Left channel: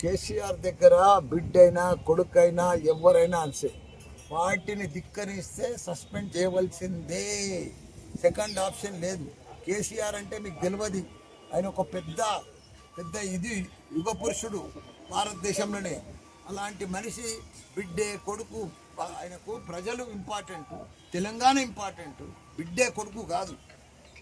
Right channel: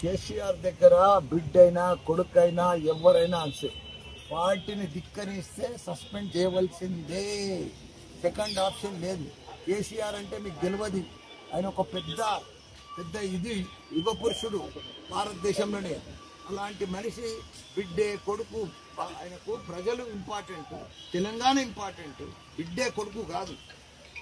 కేసీఆర్ దగ్గర బిడ్డైనా కొడుకైనా ఎవరైనా అంతే పార్టీని ధిక్కరిస్తే సస్పెండ్ చేయవలసిందే. సెకండ్ ఆప్షన్ లేదు. కేసీఆర్ అంటే మీకు తెలియదు, ఆయన ఒక పెద్ద యుగ పురుషుడు భారతదేశంలోనే. అలాంటి మనిషి బిడ్డే కొడుకు, ఆయనకు ప్రజలు ఇంపార్టెంట్, తెలంగాణ ఇంపార్టెంట్, బిడ్డే కొడుకు కాదు.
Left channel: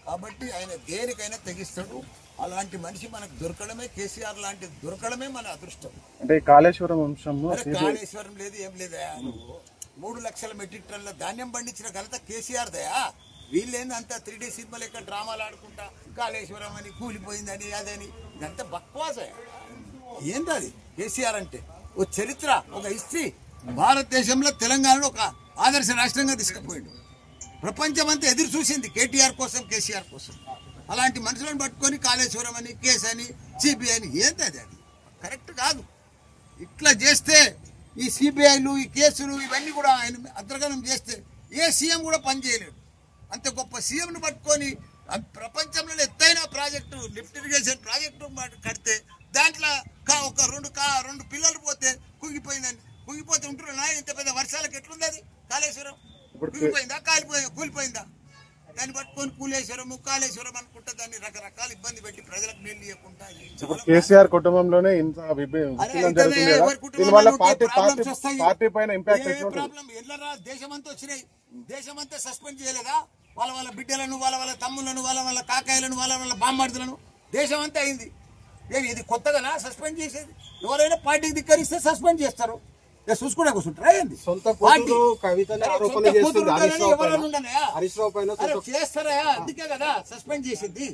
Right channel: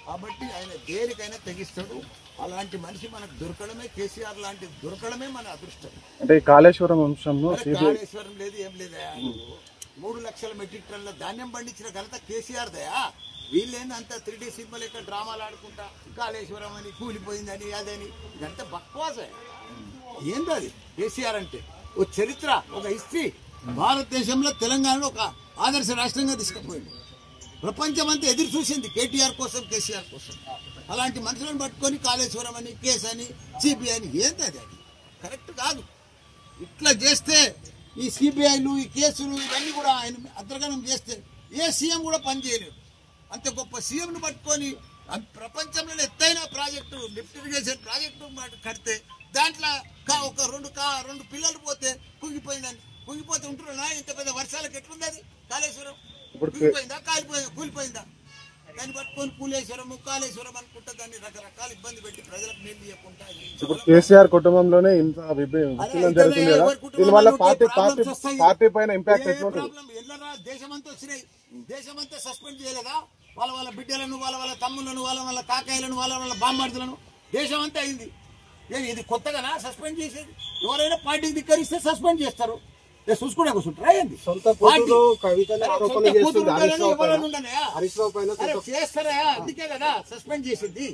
కాబట్టి ఆయన దేనికైనా తెగిస్తాడు. అలాంటి మనిషి మనకు దొరకడమే, కేసీఆర్ లాంటి దొరకడమే మన అదృష్టం. అంటే కాళేశ్వరం అంశంలో కాళేశ్వరం లేదు, ఏం లేదా. 3 లక్షల మెట్రిక్ టన్నుల ధాన్యం పండించిన ఘనత కేసీఆర్ దయా. వీళ్ళేంది అంతా 3D సినిమా లెక్క డ్రామాలు ఆడుకుంటా కాళేశ్వరం అని, కూలిపోయిందని, అదని, ఇదంతా బక్వాసే. ఏంటది కేసీఆర్ అంటే? ఓ చరిత్ర, ఒక హిస్టరీ. భారతదేశంలో తెలంగాణలో ఒక ఆదర్శ రాష్ట్రంగా తీసుకుపోయింది. ప్రపంచం అంతా ఎదురు చూసింది కేటీఆర్ కోసం, కేసీఆర్ కోసం. అలాంటి మనుషులను పట్టుకొని కాళేశ్వరం అని, కేసు అని, సిబిఐ అని, ఏంటది? అది కరెక్ట్ కాదు. ఇట్లా చేస్తే ఈ సిబిఐలు, ఈ కేసులు, ఇవన్నీ కూడా ఆయన అంతర్గతం చేస్తే ఏ సీఎం కూడా పనిచేయలేడు. అంత గొప్ప సీఎంను పట్టుకొని ప్రపంచంలో ఎత్తైన ప్రాజెక్టు, లిఫ్ట్ ఇరిగేషన్ ప్రాజెక్టు కడితే దాంట్లో ఒక రెండు పిల్లలు పోతే కుంగిపోతే ఉంటున్నా. ఇంత పెద్ద వర్షాలకు ఎట్లుంది అది? కాళేశ్వరం కుంగిపోయిందా, కూలిపోయిందా? దాన్ని పట్టుకొని కాళేశ్వరం అనుకుంటా దాన్ని రకరకాల ఇబ్బంది పెట్టి ప్రజలకు నీళ్ళు ఇవ్వకుండా. కేసీఆర్ కుటుంబంలోనే ఇంత దేశమంతా వచ్చినాయి. దేశమంతా సస్పెండ్ చేయలేదా? వాళ్ళ బిడ్డలను, వాళ్ళ తమ్ములను, వాళ్ళ కాకాయలను, వాళ్ళ బామ్మర్దులను దేశమంతా అయింది. ఇది కొత్తగానా సస్పెండ్ చేసేది? ఎవరైనా పార్టీకి ధిక్కరిస్తే సస్పెండ్ చేస్తారు. చూసుకునే కూర్చుంటారా? ఏంది చేస్తారా? అందుకే కదా సస్పెండ్ చేసింది.